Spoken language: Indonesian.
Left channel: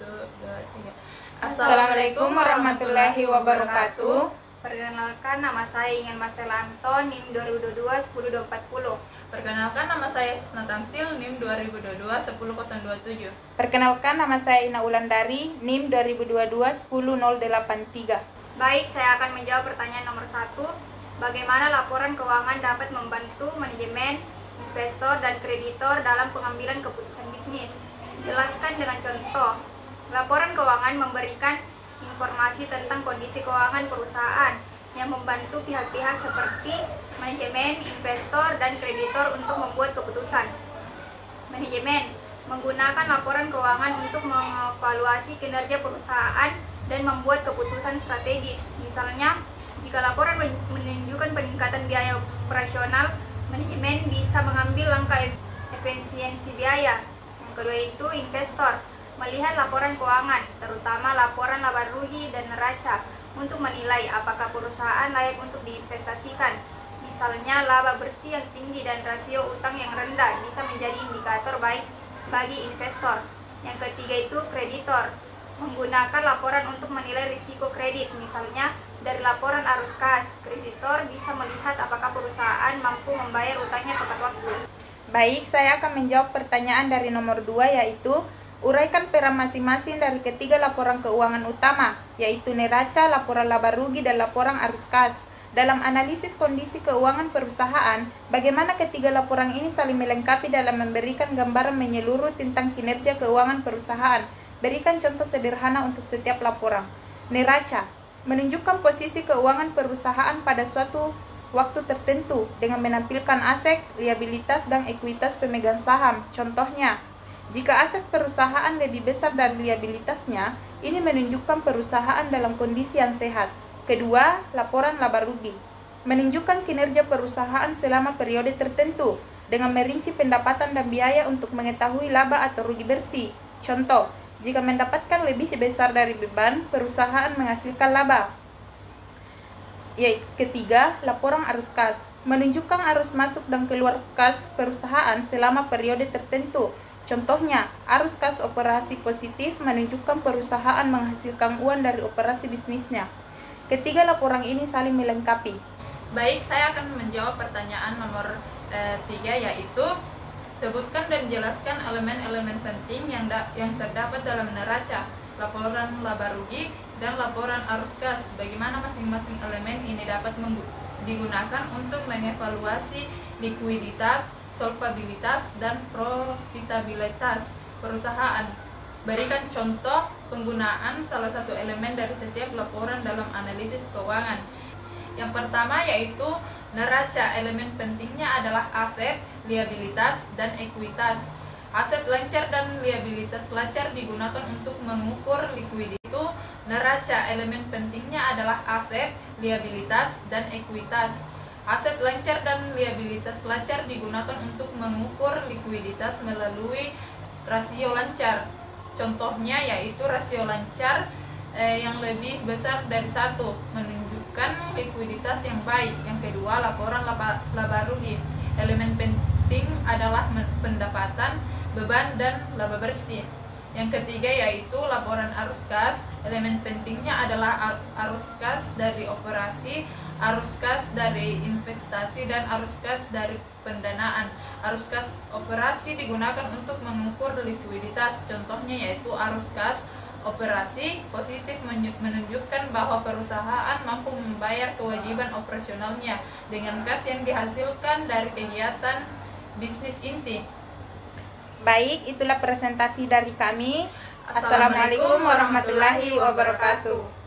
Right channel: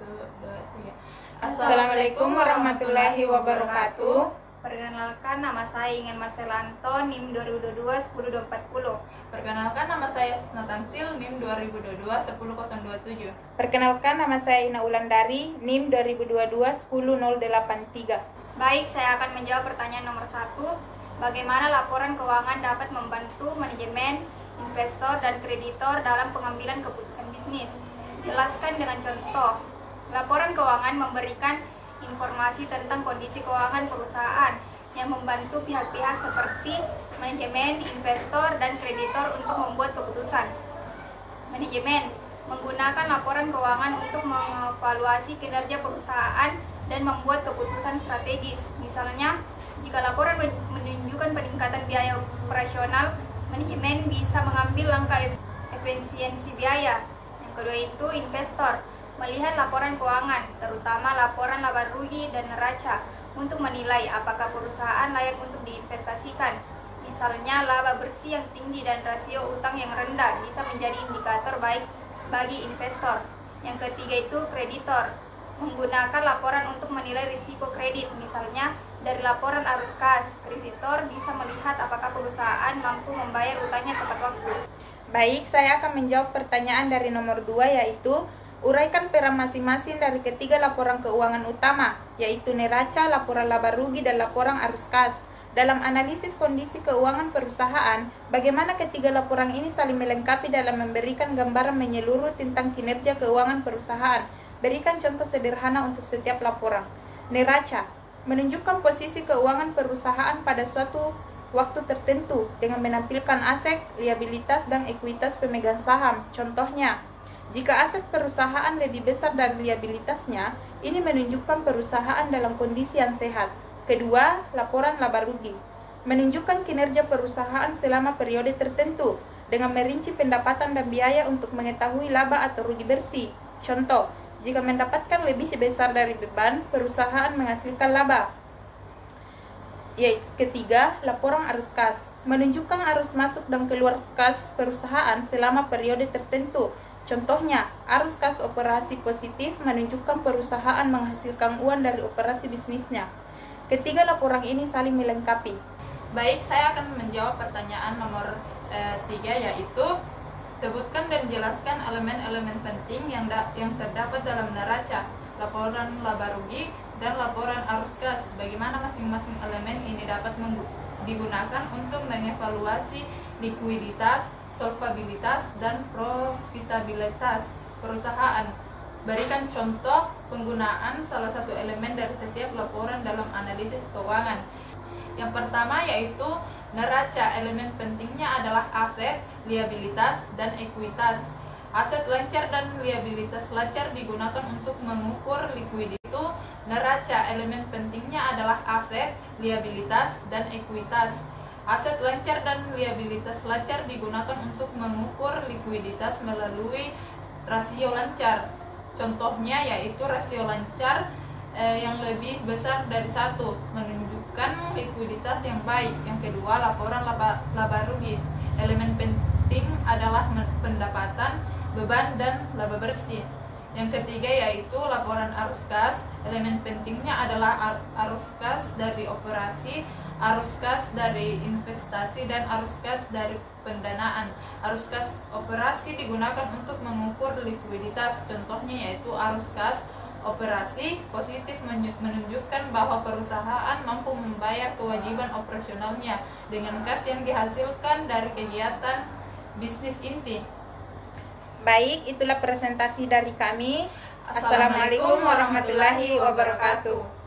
1, 2, 3. Assalamualaikum warahmatullahi wabarakatuh. Perkenalkan, nama saya Ingan Marcela Anton, NIM 2022 10240. Perkenalkan, nama saya Sisna Tamsil, NIM 2022 10027. Perkenalkan, nama saya Ina Ulandari, NIM 2022 10083. Baik, saya akan menjawab pertanyaan nomor 1. Bagaimana laporan keuangan dapat membantu manajemen, investor, dan kreditor dalam pengambilan keputusan bisnis? Jelaskan dengan contoh. Laporan keuangan memberikan informasi tentang kondisi keuangan perusahaan yang membantu pihak-pihak seperti manajemen, investor, dan kreditor untuk membuat keputusan. Manajemen menggunakan laporan keuangan untuk mengevaluasi kinerja perusahaan dan membuat keputusan strategis. Misalnya, jika laporan menunjukkan peningkatan biaya operasional, manajemen bisa mengambil langkah efisiensi biaya. Yang kedua itu investor, melihat laporan keuangan, terutama laporan laba rugi dan neraca, untuk menilai apakah perusahaan layak untuk diinvestasikan. Misalnya, laba bersih yang tinggi dan rasio utang yang rendah bisa menjadi indikator baik bagi investor. Yang ketiga itu kreditor, menggunakan laporan untuk menilai risiko kredit. Misalnya, dari laporan arus kas, kreditor bisa melihat apakah perusahaan mampu membayar utangnya tepat waktu. Baik, saya akan menjawab pertanyaan dari nomor 2, yaitu uraikan peran masing-masing dari ketiga laporan keuangan utama, yaitu neraca, laporan laba rugi, dan laporan arus kas. Dalam analisis kondisi keuangan perusahaan, bagaimana ketiga laporan ini saling melengkapi dalam memberikan gambaran menyeluruh tentang kinerja keuangan perusahaan. Berikan contoh sederhana untuk setiap laporan. Neraca menunjukkan posisi keuangan perusahaan pada suatu waktu tertentu dengan menampilkan aset, liabilitas, dan ekuitas pemegang saham. Contohnya, jika aset perusahaan lebih besar dari liabilitasnya, ini menunjukkan perusahaan dalam kondisi yang sehat. Kedua, laporan laba rugi menunjukkan kinerja perusahaan selama periode tertentu dengan merinci pendapatan dan biaya untuk mengetahui laba atau rugi bersih. Contoh, jika mendapatkan lebih besar dari beban, perusahaan menghasilkan laba. Ketiga, laporan arus kas menunjukkan arus masuk dan keluar kas perusahaan selama periode tertentu. Contohnya, arus kas operasi positif menunjukkan perusahaan menghasilkan uang dari operasi bisnisnya. Ketiga laporan ini saling melengkapi. Baik, saya akan menjawab pertanyaan nomor 3, yaitu sebutkan dan jelaskan elemen-elemen penting yang terdapat dalam neraca, laporan laba rugi, dan laporan arus kas. Bagaimana masing-masing elemen ini dapat digunakan untuk mengevaluasi likuiditas, solvabilitas, dan profitabilitas perusahaan. Berikan contoh penggunaan salah satu elemen dari setiap laporan dalam analisis keuangan. Yang pertama yaitu neraca. Elemen pentingnya adalah aset, liabilitas, dan ekuitas. Aset lancar dan liabilitas lancar digunakan untuk mengukur likuiditas. Neraca, elemen pentingnya adalah aset, liabilitas, dan ekuitas. Aset lancar dan liabilitas lancar digunakan untuk mengukur likuiditas melalui rasio lancar. Contohnya yaitu rasio lancar yang lebih besar dari 1 menunjukkan likuiditas yang baik. Yang kedua, laporan laba rugi. Elemen penting adalah pendapatan, beban, dan laba bersih. Yang ketiga yaitu laporan arus kas. Elemen pentingnya adalah arus kas dari operasi, arus kas dari investasi, dan arus kas dari pendanaan. Arus kas operasi digunakan untuk mengukur likuiditas. Contohnya yaitu arus kas operasi positif menunjukkan bahwa perusahaan mampu membayar kewajiban operasionalnya dengan kas yang dihasilkan dari kegiatan bisnis inti. Baik, itulah presentasi dari kami. Assalamualaikum warahmatullahi wabarakatuh.